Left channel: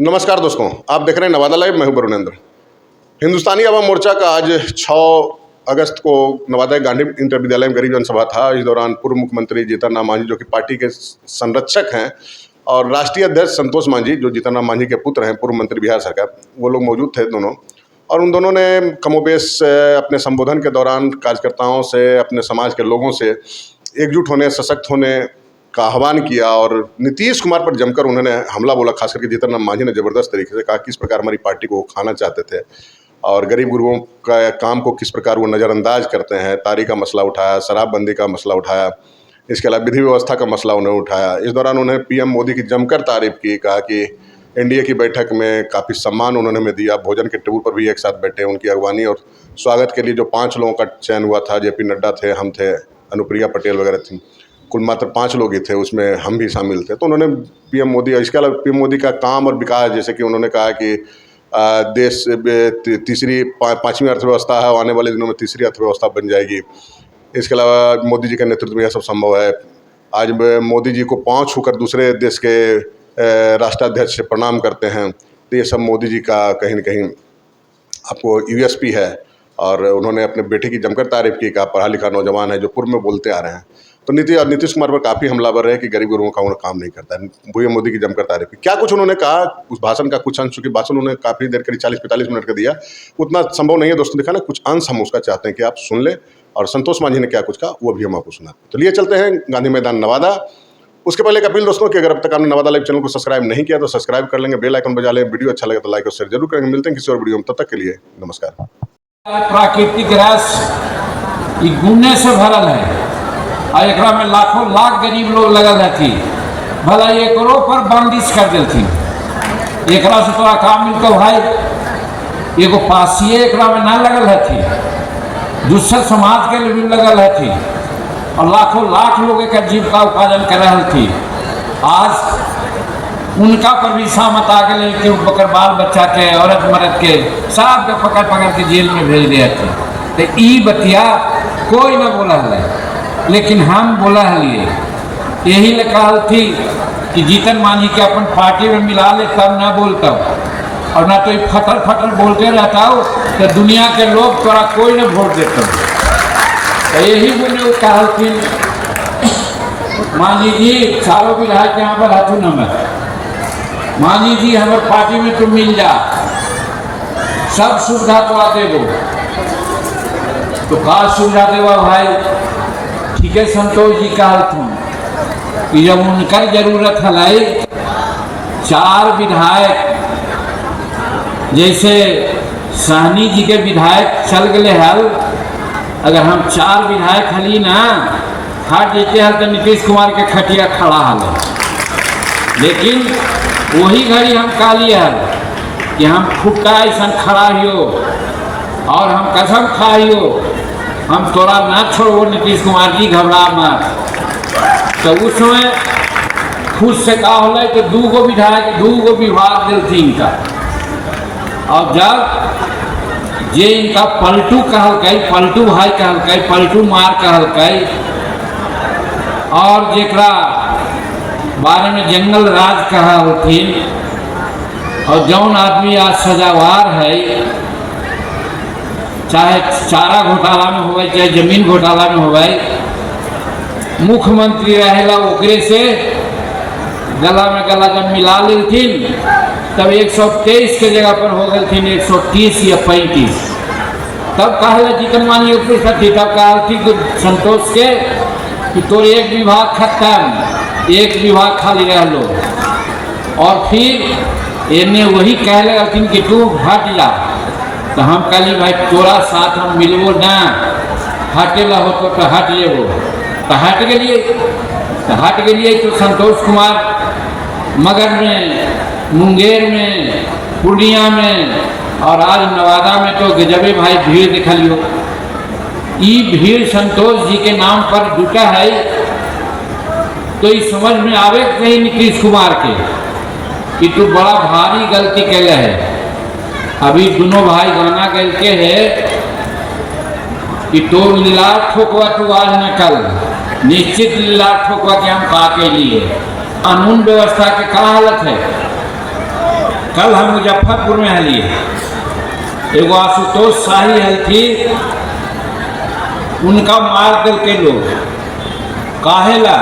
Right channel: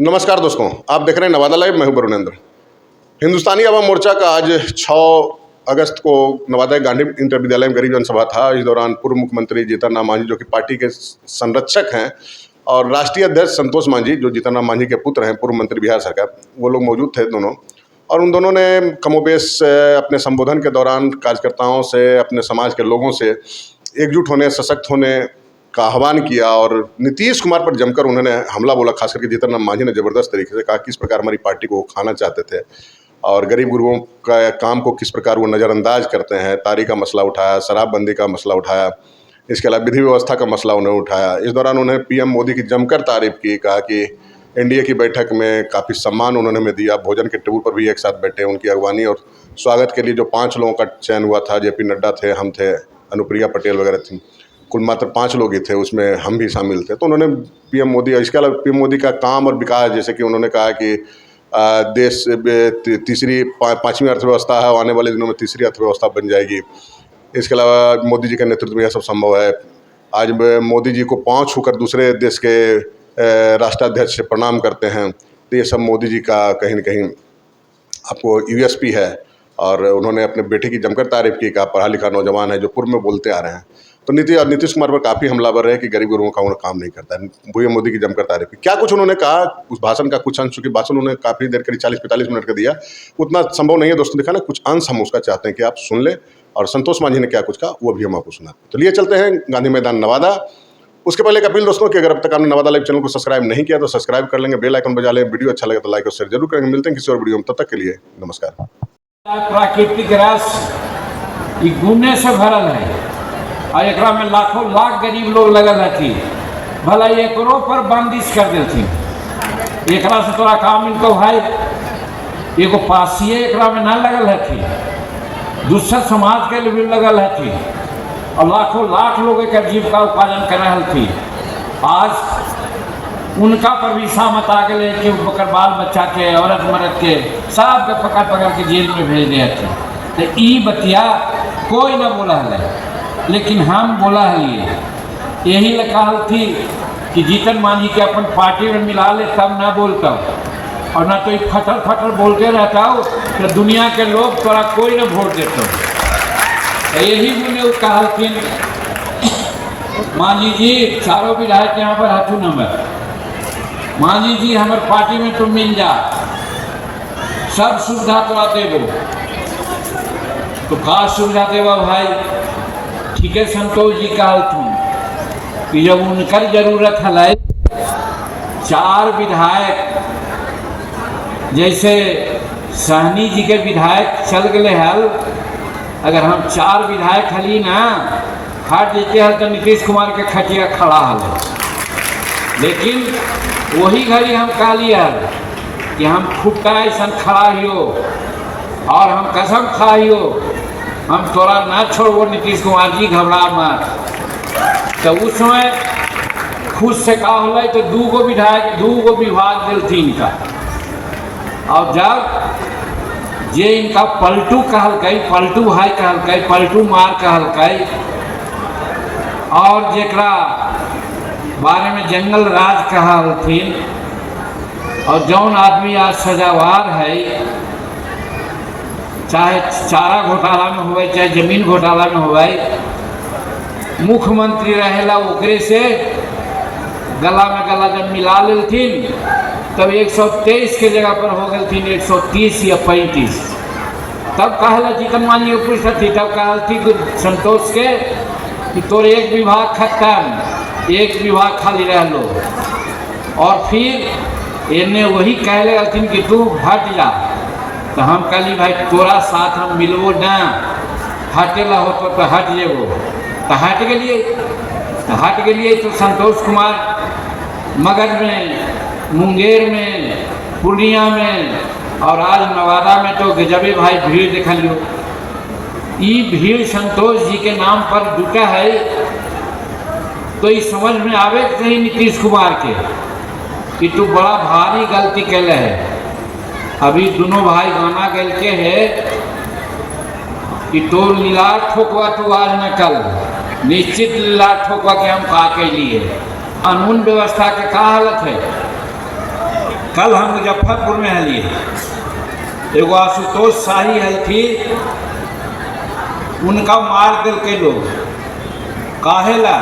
नमस्कार दोस्तों, आप देख रहे हैं नवादा लाइव। मैं हूं वरुणेंद्र। हिंदुस्तानी अवाम मोर्चा का आज 6 अगस्त को नवादा गांधी इंटर विद्यालय में गरीब जनसभा था। इस दौरान पूर्व मुख्यमंत्री जीतन राम मांझी, जो कि पार्टी के संरक्षक हैं, और राष्ट्रीय अध्यक्ष संतोष मांझी, जो जीतन राम मांझी के पुत्र हैं, पूर्व मंत्री बिहार सरकार, वो लोग मौजूद थे दोनों। और उन दोनों ने कमोबेश अपने संबोधन के दौरान कार्यकर्ताओं से, अपने समाज के लोगों से एकजुट होने, सशक्त होने का आह्वान किया। और नीतीश कुमार पर जमकर उन्होंने हमला बोला। खास करके जीतन राम मांझी ने ज़बरदस्त तरीके से कहा किस प्रकार हमारी पार्टी को वो खाना चाहते थे और गरीब गुरुओं का काम को किस प्रकार वो नज़रअंदाज करते हैं। तारी का मसला उठाया, शराबबंदी का मसला उठाया, इसके अलावा विधि व्यवस्था का मसला उन्होंने उठाया। इस दौरान उन्होंने पीएम मोदी की जमकर तारीफ की, कहा कि एनडीए की बैठक में काफ़ी सम्मान उन्होंने हमें दिया, भोजन के टेबल पर भी एक साथ बैठे, उनकी अगवानी और स्वागत के लिए जो 5 लोगों का चयन हुआ था, जेपी नड्डा थे, हम थे, अनुप्रिया पटेल वगैरह थी, कुल मात्र 5 लोग ही थे, उसमें हम भी शामिल थे। तो उन्होंने पीएम मोदी, इसके अलावा पीएम मोदी का काम और विकास, जैसे कि उन्होंने कहा कि देश तीसरी 5वीं अर्थव्यवस्था है, आने वाले दिनों में तीसरी अर्थव्यवस्था बन जाएगी। इसके अलावा मोदी जी के नेतृत्व में यह सब संभव है। आज मोदी जी को पाँव छूकर दूसरे देश के राष्ट्राध्यक्ष से प्रणाम करते हैं। तो ये सब मोदी जी का कहीं न कहीं आपको यूएसपी है। और उन्होंने अपने बेटे की जमकर तारीफ की, कहा पढ़ा लिखा नौजवान है जो पूर्व में बोलते आ रहे हैं। तो नीतीश कुमार पर काफ़ी हमलावर रहे कि गरीब गुरुओं का उन्हें काम नहीं करता है। पीएम मोदी की जमकर तारीफ की। क्या कुछ उन्होंने कहा, उस भाषण का कुछ अंश, चूँकि भाषण उन्होंने काफ़ी देर, करीब 40-45 मिनट का दिया, उतना संभव नहीं है दोस्तों दिखाना। कुछ अंश हम उसका चाहते हैं कि आप सुन लें, और संतोष मांझी ने क्या कुछ कहा वो भी हम आपको सुनाते हैं। चलिए चलते हैं गांधी मैदान नवादा। उसके पहले एक अपील दोस्तों कि अगर अब तक आपने नवादा लाइव चैनल को सब्सक्राइब नहीं किया तो सब्सक्राइब कर लेंगे, बेल आइकन बजा लें, वीडियो अच्छा लगे तो लाइक और शेयर जरूर करेंगे। मिलते हैं किसी और वीडियो में, तब तक के लिए नमस्कार। प्राकृतिक रस गुने से भरल है और एकरा में लाखों लाख गरीब लोग लगल हथी। भला एकरो पर बंदिश कर देती, एकरा से तोरा काम मिलता भाई। एगो पासिए एकरा में ना लगल हथी, दूसर समाज के लिए भी लगल हथी, और लाखों लाख लोग एक जीविका उत्पादन कर रहे थी। आज उनका पर भी सामत आ गए कि बकर बाल बच्चा के, औरत मर्द के सब के पकड़ पकड़ के जेल में भेज दिया थे। तो ई बतिया कोई ना बोला है, लेकिन हम बोला लिए यही ले कहल थी कि जीतन मांझी के अपन पार्टी में मिला ले, तब ना बोलता, और ना तो फटर फटर बोलते रहता हो तो दुनिया के लोग तोरा कोई ना वोट देता। तो यही बोले कहल थी मांझी जी, सारों विधायक यहाँ पर हाथों नंबर, मांझी जी हमारे पार्टी में तुम मिल जा, सब सुविधा तो देवो। तो का सुविधा देवा भाई? ठीक है, संतोष जी कहल थी कि जब उनकर जरूरत है 4 विधायक, जैसे सहनी जी के विधायक चल गए हल, अगर हम 4 विधायक हली ना हट जेते हल तो नीतीश कुमार के खटिया खड़ा हल। लेकिन वही घड़ी हम कह लिए हल कि हम फुटका ऐसा खड़ा हियो और हम कसम खाइयो, हम तोरा ना छोड़ो नीतीश कुमार जी, घबरा मत। तो उस समय खुद से कहा हो तो 2 गो विधायक 2 गो विभाग दिलती इनका। और जब जे इनका पलटू कहल, पलटू भाई कहल, पलटू मार कहल, और जेकरा बारे में जंगल राज कहलथिन, और जौन आदमी आज सजावार है, चाहे चारा घोटाला में हो गए, चाहे जमीन घोटाला में हो गए, मुख्यमंत्री रहेला ओकरे से गला में गला जब मिला लेथिन, तब 123 के जगह पर हो गए थे 130 या 35। तब कहला जीतन मांझी उपस्थित थी, तब कहा थी संतोष के कि तोर एक विभाग खत्म, एक विभाग खाली रह लो। और फिर इन्हें वही कह लगे कि तू हट जा। तो हम कहली भाई तोरा साथ हम मिलबो ना, हटेला हो तो हट लेबो। तो हट गए तो संतोष कुमार मगध में, मुंगेर में, पूर्णिया में, और आज नवादा में तो गजबे भाई भीड़ दिखा लियो। ये भीड़ संतोष जी के नाम पर जुटा है। तो इस समझ में आवे कहीं नीतीश कुमार के कि तू बड़ा भारी गलती कैले है। अभी दोनों भाई गाना गल के है कि तोर लीला ठोकवा तू आज न कल, निश्चित लीला ठोकवा के हम का के लिए। कानून व्यवस्था के का हालत है? कल हम मुजफ्फरपुर में हलिए, एगो आशुतोष शाही हल थी, उनका मार दिल के लोग काहेला।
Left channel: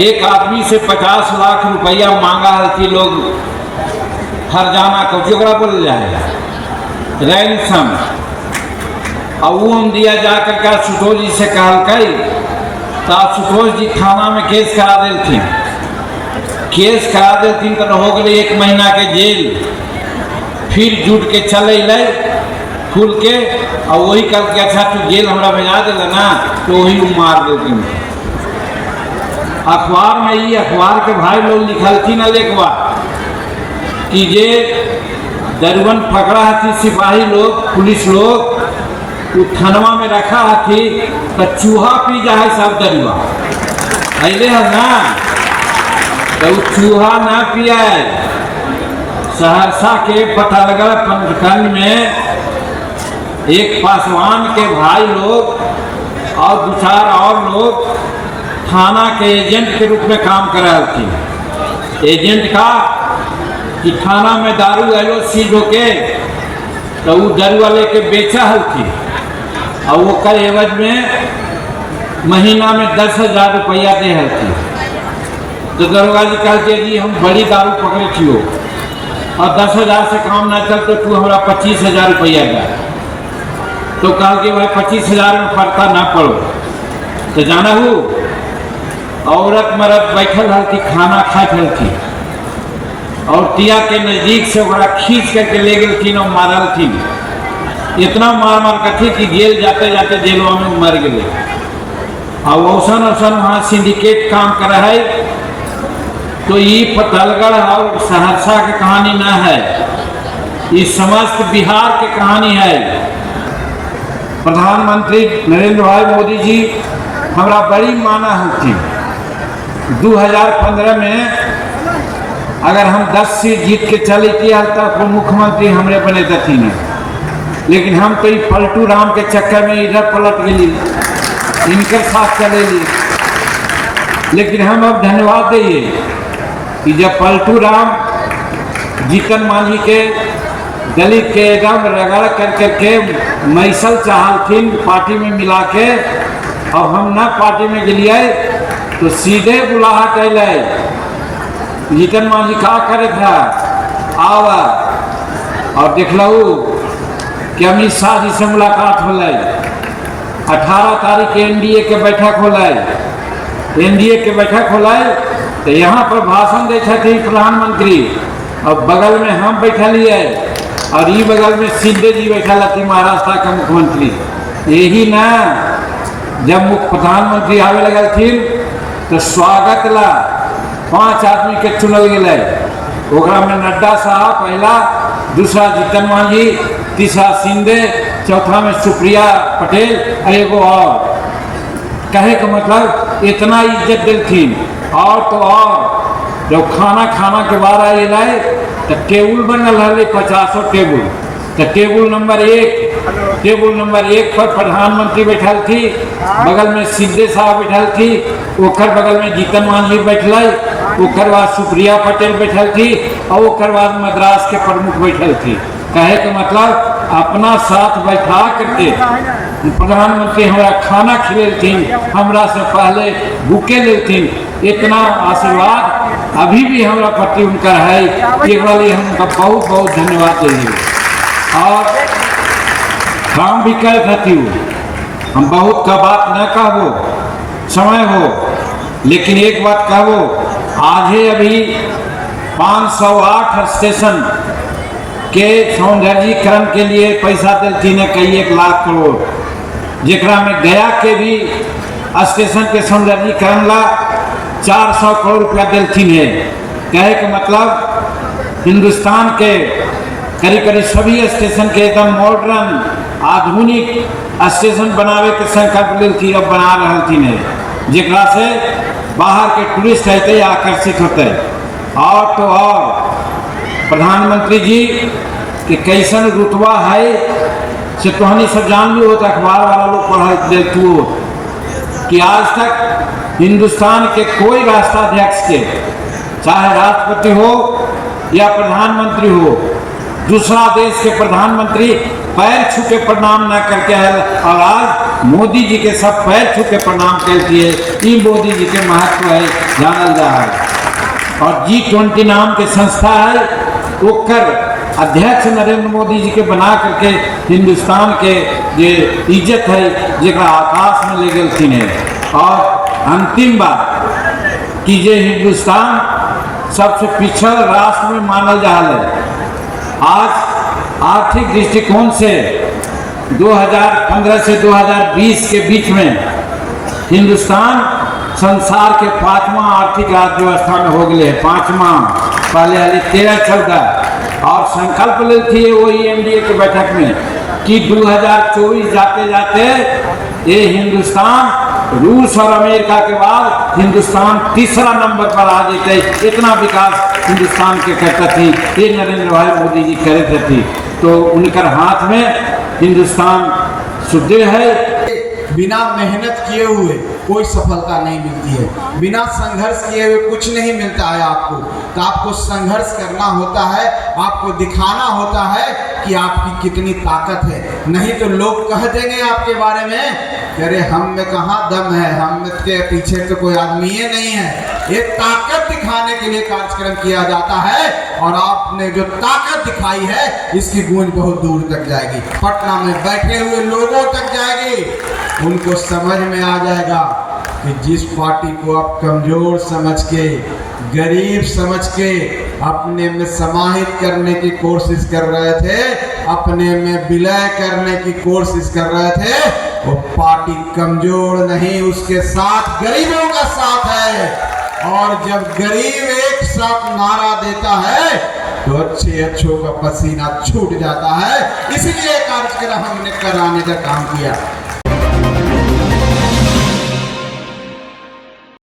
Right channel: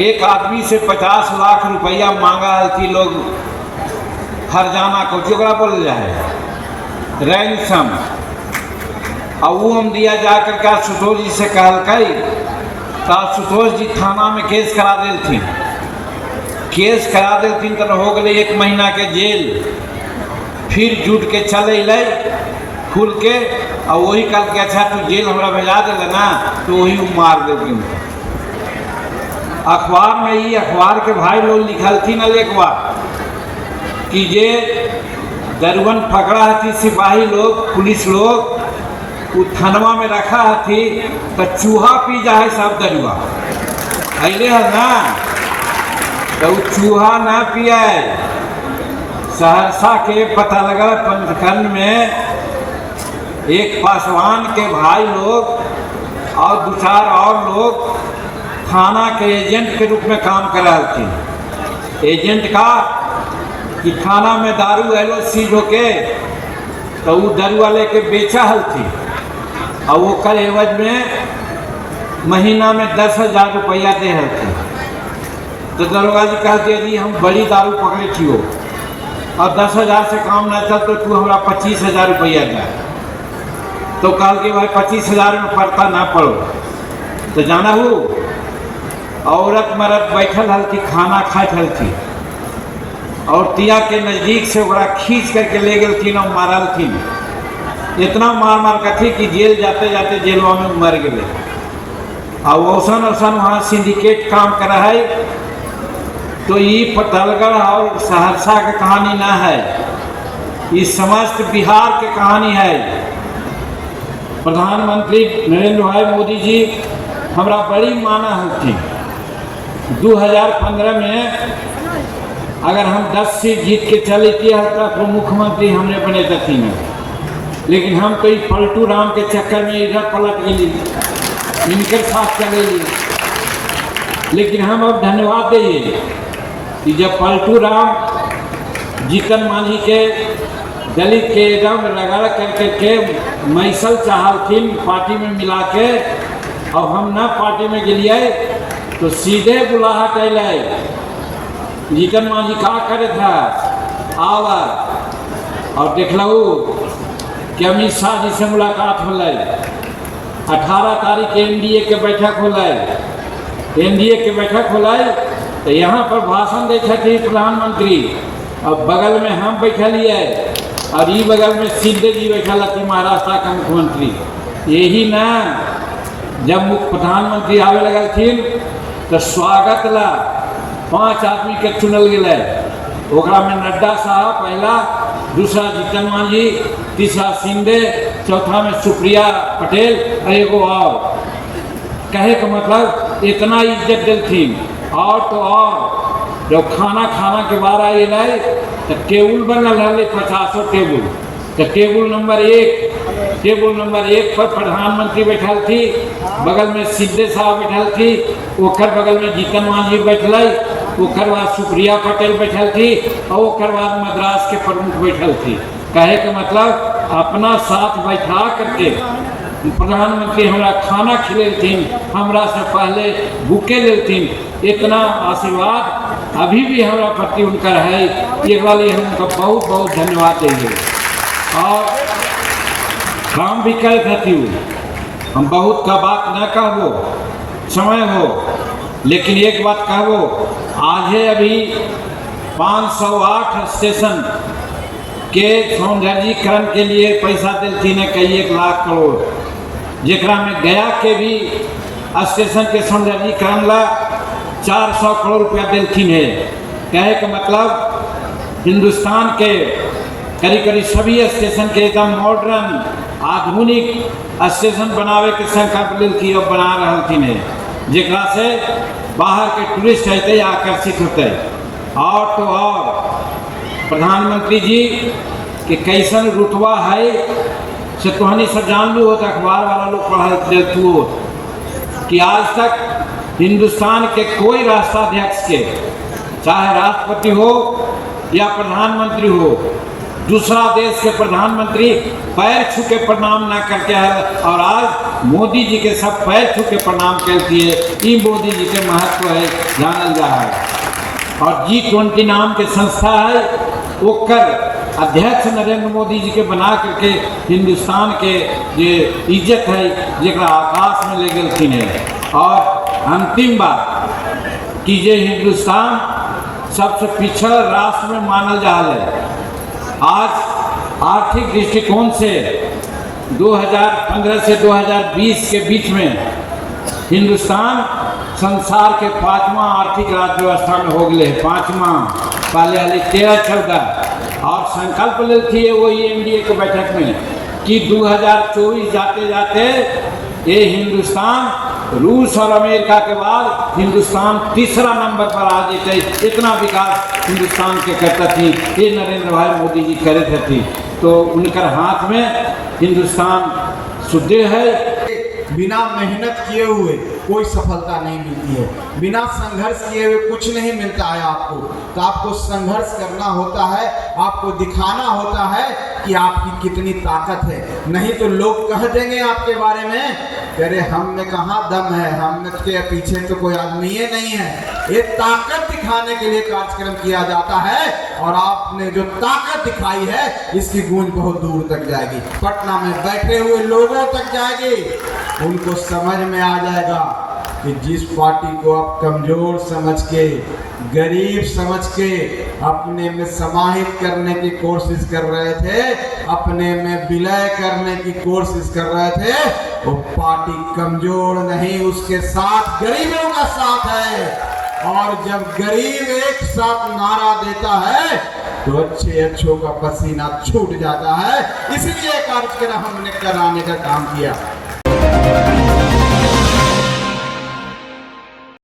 एक आदमी से 50 लाख रुपया मांगा हल थी लोग, हरजाना को जोगरा बोल जाए रैनसम, और वो हम दिया जाकर के आशुतोष जी से कहल कई, तो आशुतोष जी थाना में केस करा दिल थी। केस करा दिल तो हो गए 1 महीना के जेल। फिर जुट के चले ले खुल के, और वही कल के अच्छा तू जेल हमरा भेजा दिल ना, तो वही मार देती। अखबार में ही अखबार के भाई लोग लिखल थी न एक बार कि जे दरुवन पकड़ा थी सिपाही लोग, पुलिस लोग, वो थानवा में रखा थी, तो चूहा पी जाए सब दरुआ अले है ना, तो चूहा ना पिया। सहरसा के पता लगा पंचखंड में एक पासवान के भाई लोग और 2-4 और लोग थाना के एजेंट के रूप में काम कर रहे थे। एजेंट का कि थाना में दारू आलो सीज होके, तो वो दारू वाले के बेचा हल थी, और वो कर एवज में महीना में 10,000 रुपया दे हल थी। तो दरोगा जी कहते जी हम बड़ी दारू पकड़े थी हो, और 10,000 से काम ना चल तो तू हमारा 25,000 रुपया दे। तो कहा कि भाई 25,000 में फरता ना पड़ो। तो जाना हो औरत मरद बैठल हल थी, खाना खात हल थी, और तिया के नज़दीक से ओकरा खींच करके ले गई थी और मारल थी। इतना मार कर थी कि जेल जाते जाते जेलवा में मर गए। और औसन वहाँ सिंडिकेट काम करा है। तो ये फतेहगढ़ और सहरसा की कहानी ना है, ये समस्त बिहार की कहानी है। प्रधानमंत्री नरेंद्र भाई मोदी जी हमारा बड़ी माना होती। 2015 में अगर हम 10 सीट जीत के चले किया तब वो मुख्यमंत्री हमरे बने थे, लेकिन हम तो पलटू राम के चक्कर में इधर पलट गई, इनके साथ चले ली। लेकिन हम अब धन्यवाद दिए कि जब पलटू राम जीतन मांझी के दलित के एकदम रगड़ करके मैसल चाहल थी पार्टी में मिला के, और हम ना पार्टी में गलिए तो सीधे बुलाहट अल जीतन मांझी का करे था आवा, और देख लू कि अमित शाह जी से मुलाकात हो 18 तारीख के एनडीए के बैठक हो, एनडीए के बैठक हो, तो यहाँ पर भाषण देते थे प्रधानमंत्री, और बगल में हम बैठलिए, और ये बगल में शिंदे जी बैठल थी महाराष्ट्र के मुख्यमंत्री। यही ना जब प्रधानमंत्री आवे लगल थी तो स्वागत ला 5 आदमी के चुनल गए। ओकरा में नड्डा साहब पहला, दूसरा जीतन मांझी, तीसरा शिंदे, चौथा में सुप्रिया पटेल, और एगो और। कहे का मतलब इतना इज्जत दिल थी। और तो और जब खाना के बाद आए लाए तो टेबुल बनल है 50 टेबुल। तो टेबुल नंबर 1 पर प्रधानमंत्री बैठल थी, बगल में शिंदे साहब बैठल थी, ओकर बगल में जीतन मांझी बैठल, ओकर बाद सुप्रिया पटेल बैठल थी, और ओकर बाद मद्रास के प्रमुख बैठल थी। कहे का मतलब अपना साथ बैठा करके प्रधानमंत्री हमारा खाना खिलेथिन, हमरा से पहले भूखे लेथिन। इतना आशीर्वाद अभी भी हमारा प्रति उनका है, एक बार हम उनका बहुत बहुत धन्यवाद देंगे। और काम भी करे थे, हम बहुत का बात न कहबो, समय हो, लेकिन एक बात कहबो, आज अभी 508 स्टेशन के सौंदर्यीकरण के लिए पैसा दिलती ने कई 1 लाख करोड़, जेकरा में गया के भी स्टेशन के सौंदर्यीकरण ला 400 करोड़ रुपया दिलती है। कहे के मतलब हिंदुस्तान के करीब सभी स्टेशन के एकदम मॉडर्न आधुनिक स्टेशन बनावे के संकल्प लेती, अब बना रही थी, जेकरा से बाहर के टूरिस्ट आते आकर्षित होते। और तो और प्रधानमंत्री जी के कैसन रुतबा है से तोहनी सब जान लो, तो अखबार वाला लोग पढ़ा देतू कि आज तक हिंदुस्तान के कोई राष्ट्राध्यक्ष के, चाहे राष्ट्रपति हो या प्रधानमंत्री हो, दूसरा देश के प्रधानमंत्री पैर छू के प्रणाम ना करके है, और आज मोदी जी के सब पैर छू के प्रणाम करती है। ई मोदी जी के महत्व है, जानल जा है। और G20 नाम के संस्था है, ओकर अध्यक्ष नरेंद्र मोदी जी के बना करके हिंदुस्तान के जे इज्जत है जरा आकाश में ले गलती है। और अंतिम बात कि जे हिंदुस्तान सबसे पिछड़ राष्ट्र में मानल जा रहा है, आज आर्थिक दृष्टिकोण से 2015 से 2020 के बीच में हिंदुस्तान संसार के 5वां आर्थिक अर्थव्यवस्था में हो गए है। 5वां, पहले हाल 13-14, और संकल्प ले थी वही एनडीए के बैठक में कि 2024 जाते जाते ये हिंदुस्तान रूस और अमेरिका के बाद हिंदुस्तान तीसरा नंबर पर आ जाते। इतना विकास हिंदुस्तान के करता थी, ये नरेंद्र भाई मोदी जी करे थे। तो उनकर हाथ में हिंदुस्तान सुदृढ़ है। बिना मेहनत किए हुए कोई सफलता नहीं मिलती है, बिना संघर्ष किए हुए कुछ नहीं मिलता है आपको। तो आपको संघर्ष करना होता है, आपको दिखाना होता है कि आपकी कितनी ताकत है। नहीं तो लोग कह देंगे आपके बारे में कि अरे हम में कहाँ दम है, हम के पीछे तो कोई आदमी ही नहीं है। ये ताकत दिखाने के लिए कार्यक्रम किया जाता है, और आपने जो ताकत दिखाई है इसकी गूंज बहुत दूर तक जाएगी, पटना में बैठे हुए लोगों तक जाएगी। उनको समझ में आ जाएगा कि जिस पार्टी को आप कमजोर समझ के, गरीब समझ के अपने में समाहित करने की कोशिश कर रहे थे, अपने में विलय करने की कोशिश कर रहे थे, वो पार्टी कमजोर नहीं, उसके साथ गरीबों का साथ है। और जब गरीब एक साथ नारा देता है तो अच्छों का पसीना छूट जाता है। इसलिए कार्यक्रम हमने कराने का काम किया।